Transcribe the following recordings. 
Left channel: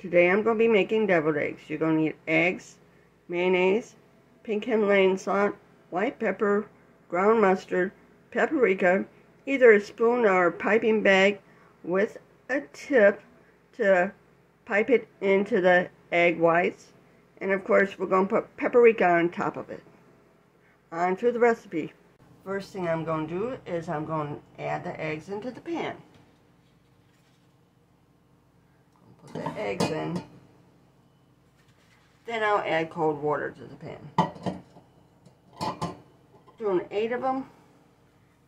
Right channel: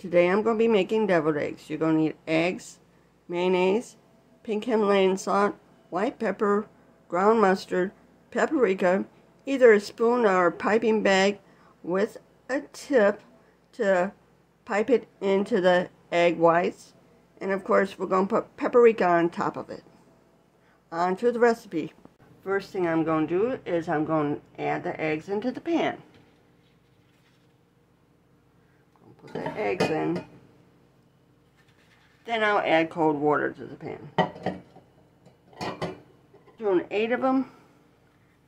Today I'm going to be making deviled eggs. You're going to need eggs, mayonnaise, pink Himalayan salt, white pepper, ground mustard, paprika, either a spoon or a piping bag with a tip to pipe it into the egg whites. And of course we're going to put paprika on top of it. On to the recipe. First thing I'm going to do is I'm going to add the eggs into the pan. Put the eggs in. Then I'll add cold water to the pan. Doing 8 of them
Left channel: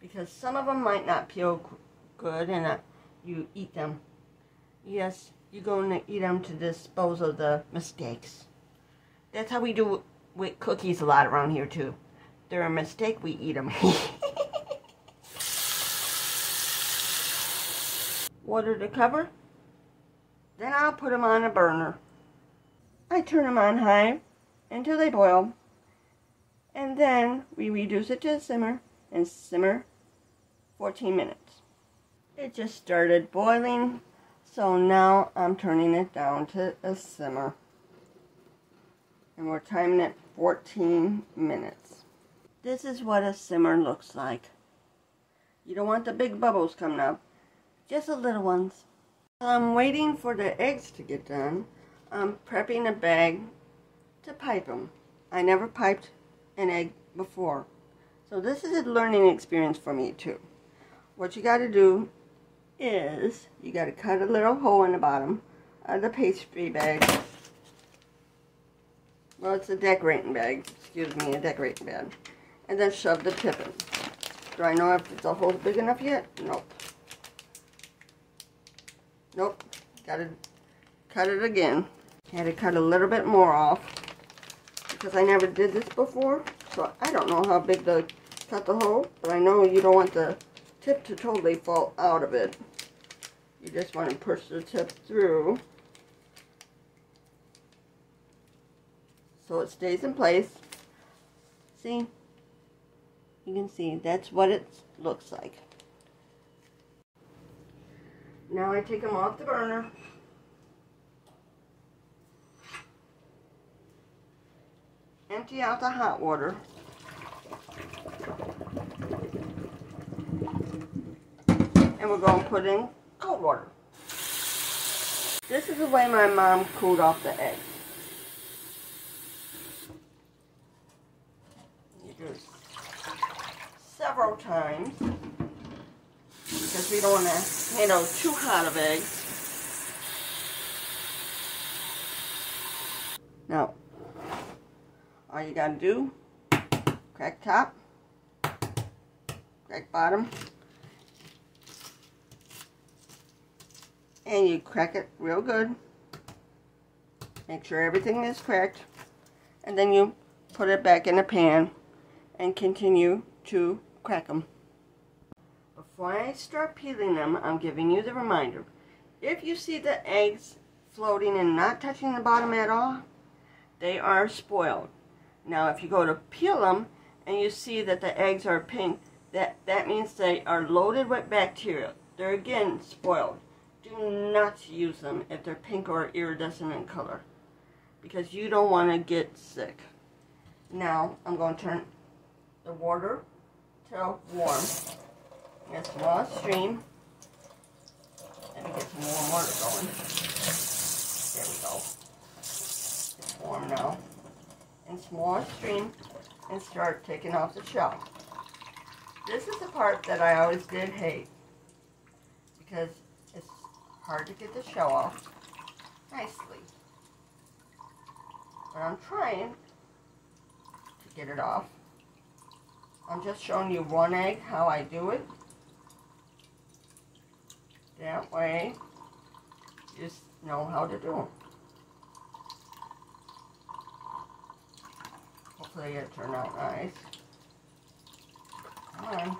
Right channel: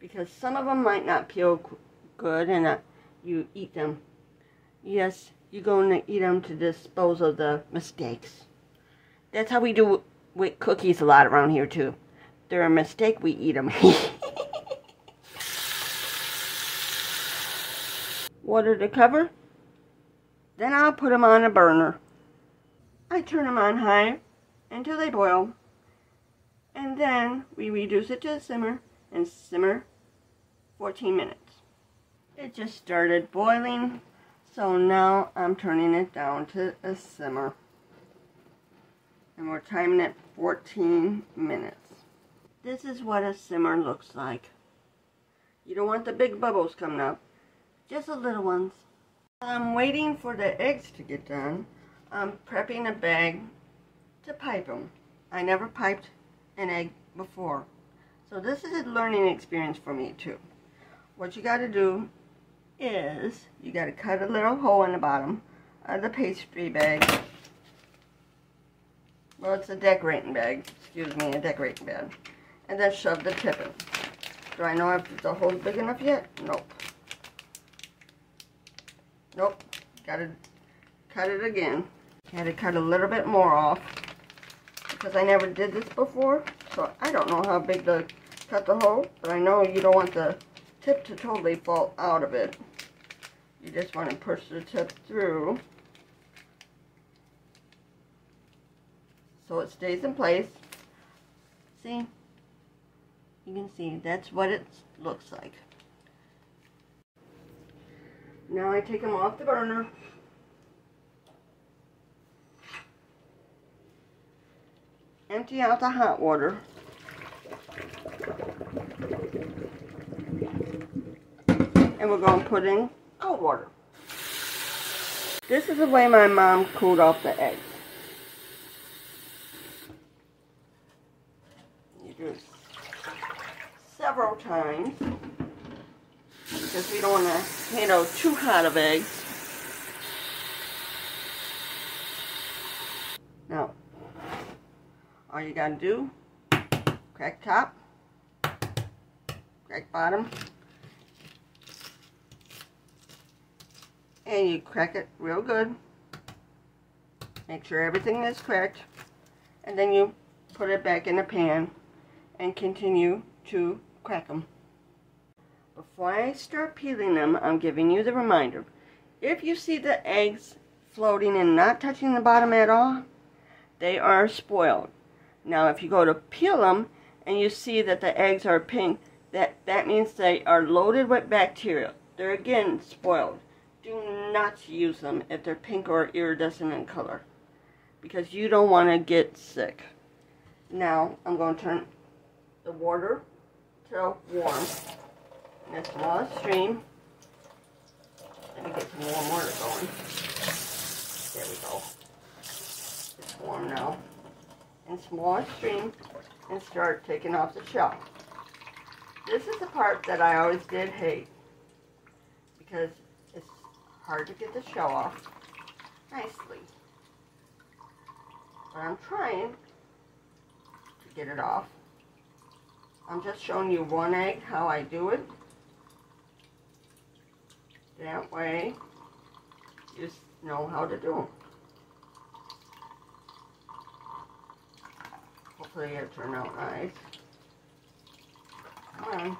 because some of them might not peel good and you eat them. Yes, you're going to eat them to dispose of the mistakes. That's how we do with cookies a lot around here too. They're a mistake, we eat them. Water to cover. Then I'll put them on a burner. I turn them on high until they boil. And then we reduce it to a simmer and simmer 14 minutes. It just started boiling, so now I'm turning it down to a simmer. And we're timing it 14 minutes. This is what a simmer looks like. You don't want the big bubbles coming up, just the little ones. I'm waiting for the eggs to get done. I'm prepping a bag to pipe them. I never piped an egg before, so this is a learning experience for me too. What you got to do is you got to cut a little hole in the bottom of the pastry bag. Well, it's a decorating bag. Excuse me, a decorating bag. And then shove the tip in. Do I know if the hole's big enough yet? Nope. Nope. Gotta cut it again. Had to cut a little bit more off because I never did this before, so I don't know how big to cut the hole, but I know you don't want the tip to totally fall out of it. You just want to push the tip through so it stays in place. See? You can see that's what it looks like. Now I take them off the burner. Empty out the hot water. And we're going to put in cold water. This is the way my mom cooled off the eggs. You do several times because we don't want to handle too hot of eggs. Now, all you gotta do, crack top, crack bottom, and you crack it real good. Make sure everything is cracked, and then you put it back in the pan and continue to crack them. Before I start peeling them, I'm giving you the reminder. If you see the eggs floating and not touching the bottom at all, they are spoiled. Now if you go to peel them and you see that the eggs are pink, that means they are loaded with bacteria. They're again spoiled. Do not use them if they're pink or iridescent in color, because you don't want to get sick. Now I'm going to turn the water to warm. And a small stream. Let me get some warm water going. There we go. It's warm now. And small stream and start taking off the shell. This is the part that I always did hate because it's hard to get the shell off nicely. But I'm trying to get it off. I'm just showing you one egg, how I do it. That way, you just know how to do them. Hopefully it'll turn out nice. Come on.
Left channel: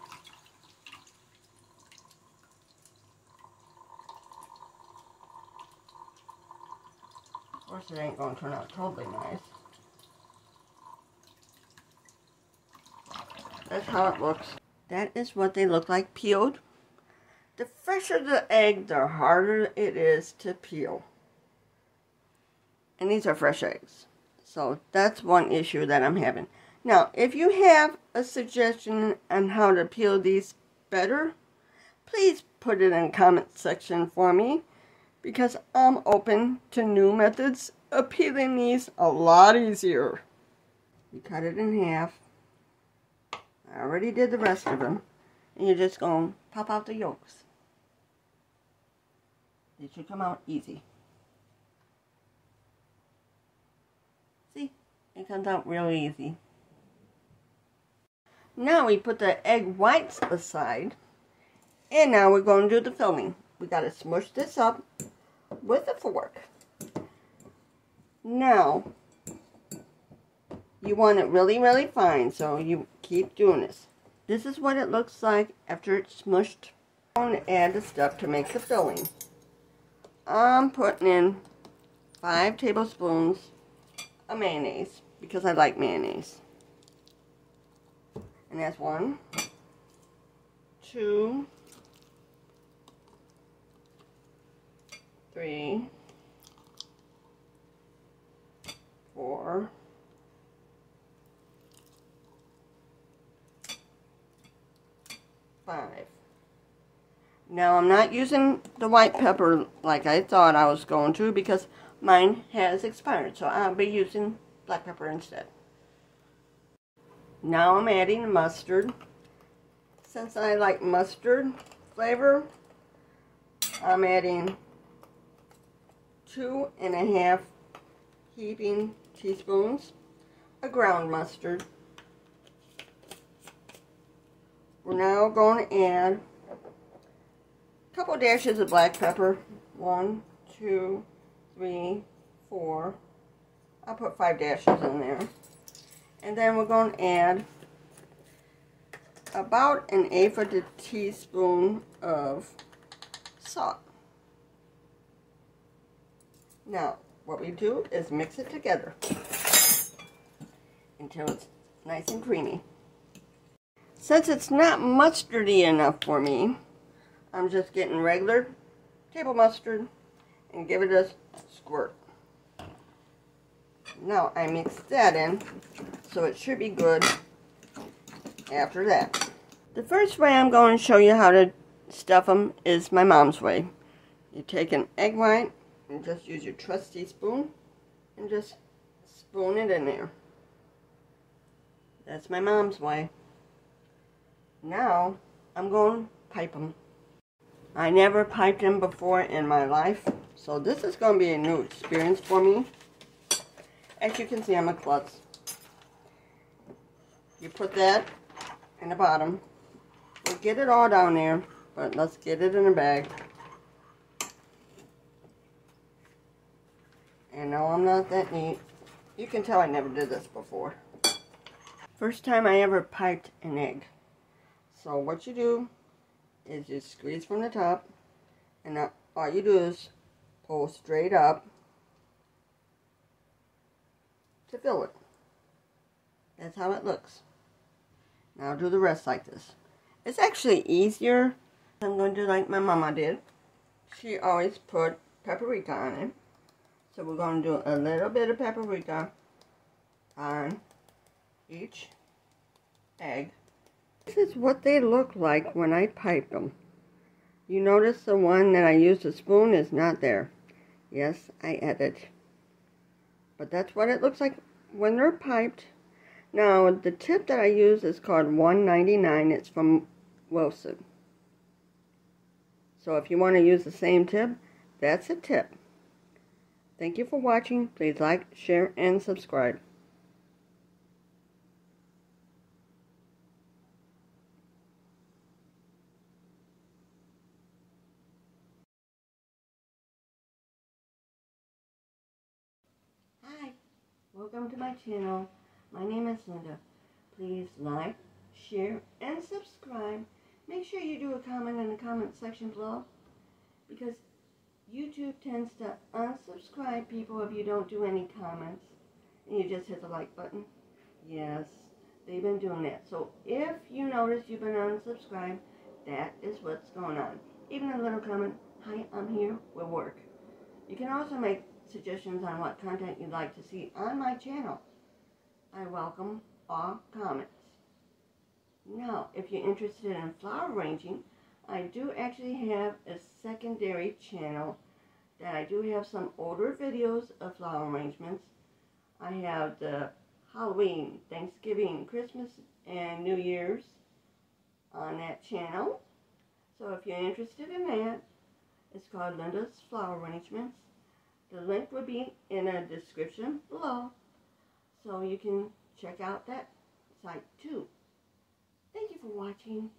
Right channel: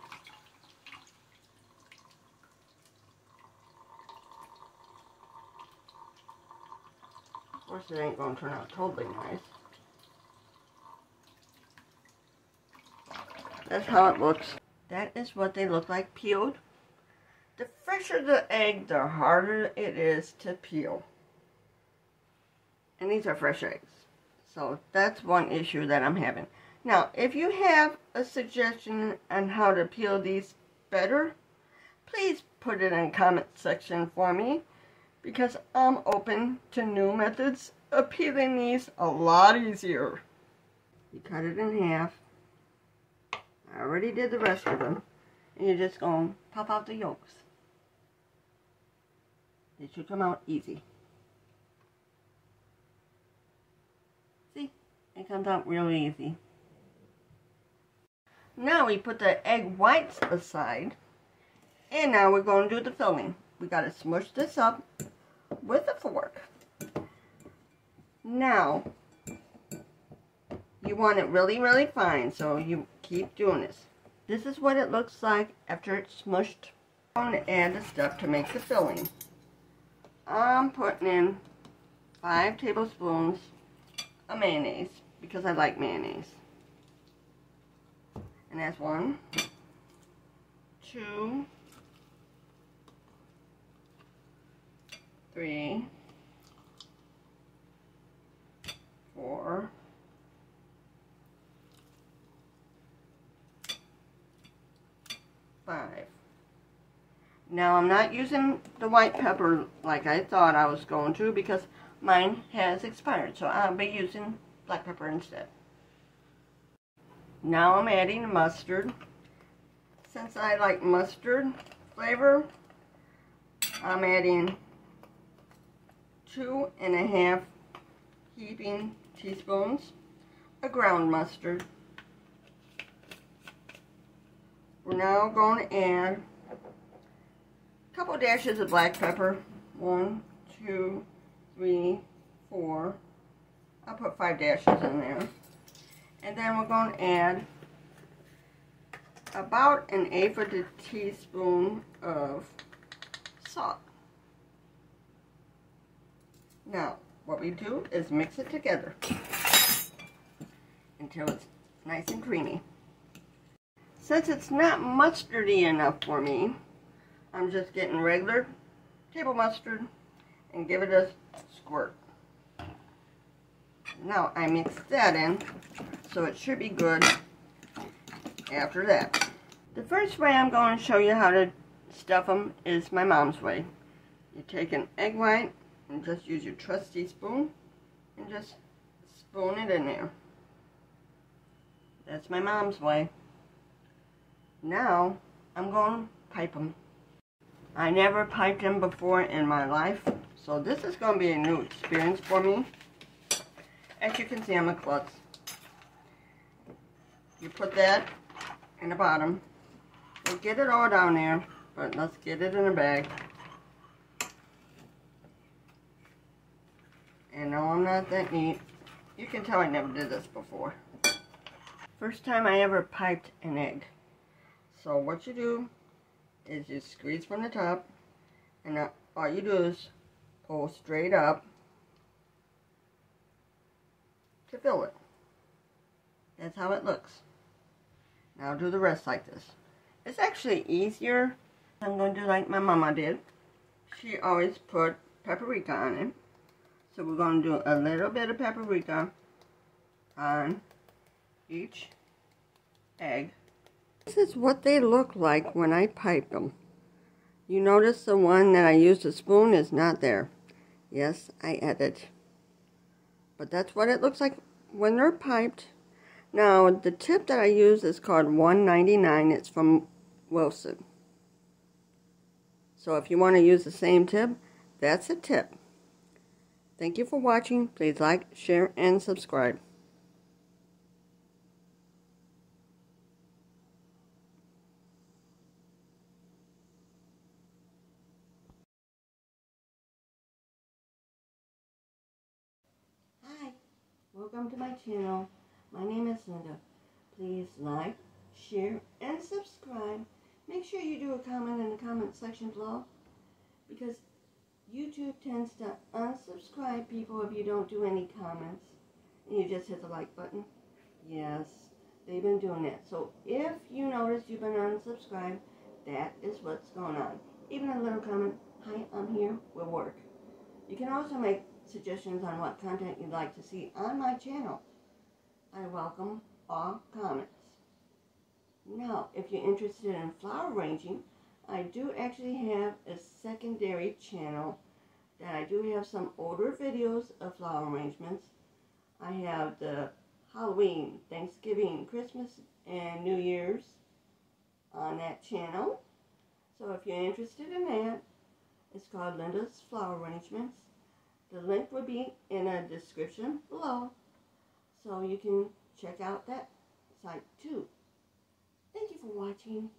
Of course it ain't going to turn out totally nice. That's how it looks. That is what they look like peeled. The fresher the egg, the harder it is to peel. And these are fresh eggs. So that's one issue that I'm having. Now, if you have a suggestion on how to peel these better, please put it in the comment section for me, because I'm open to new methods of peeling these a lot easier. You cut it in half. I already did the rest of them. And you're just going to pop out the yolks. It should come out easy. See? It comes out real easy. Now we put the egg whites aside. And now we're going to do the filling. We got to smush this up with a fork. Now, you want it really, really fine, so you keep doing this. This is what it looks like after it's smushed. I'm going to add a step to make the filling. I'm putting in 5 tablespoons of mayonnaise, because I like mayonnaise. And that's 1, 2, 3, 4, 5. Now I'm not using the white pepper like I thought I was going to, because mine has expired, so I'll be using black pepper instead. Now I'm adding mustard. Since I like mustard flavor, I'm adding 2½ heaping teaspoons of ground mustard. We're now going to add a couple dashes of black pepper. 1, 2, 3, 4. I'll put 5 dashes in there. And then we're going to add about 1/8 of a teaspoon of salt. Now, what we do is mix it together until it's nice and creamy. Since it's not mustardy enough for me, I'm just getting regular table mustard and give it a squirt. Now I mix that in, so it should be good after that. The first way I'm going to show you how to stuff them is my mom's way. You take an egg white and just use your trusty spoon and just spoon it in there. That's my mom's way. Now I'm going to pipe them. I never piped them before in my life, so this is going to be a new experience for me. As you can see, I'm a klutz. You put that in the bottom. We'll get it all down there, but let's get it in a bag. And no, I'm not that neat. You can tell I never did this before. First time I ever piped an egg. So what you do is you squeeze from the top, and all you do is pull straight up to fill it. That's how it looks. Now do the rest like this. It's actually easier. I'm going to do like my mama did. She always put paprika on it. So we're going to do a little bit of paprika on each egg. This is what they look like when I pipe them. You notice the one that I used a spoon is not there. Yes, I added. But that's what it looks like when they're piped. Now, the tip that I use is called $1.99. It's from Wilson. So if you want to use the same tip, that's a tip. Thank you for watching. Please like, share, and subscribe. Hi, welcome to my channel. My name is Linda. Please like, share, and subscribe. Make sure you do a comment in the comment section below, because YouTube tends to unsubscribe people if you don't do any comments and you just hit the like button. Yes, they've been doing that. So if you notice you've been unsubscribed, that is what's going on. Even a little comment, hi, I'm here, will work. You can also make suggestions on what content you'd like to see on my channel. I welcome all comments. Now, if you're interested in flower arranging, I do actually have a secondary channel that I do have some older videos of flower arrangements. I have the Halloween, Thanksgiving, Christmas, and New Year's on that channel. So if you're interested in that, it's called Linda's Flower Arrangements. The link will be in the description below, so you can check out that site too. Thank you for watching.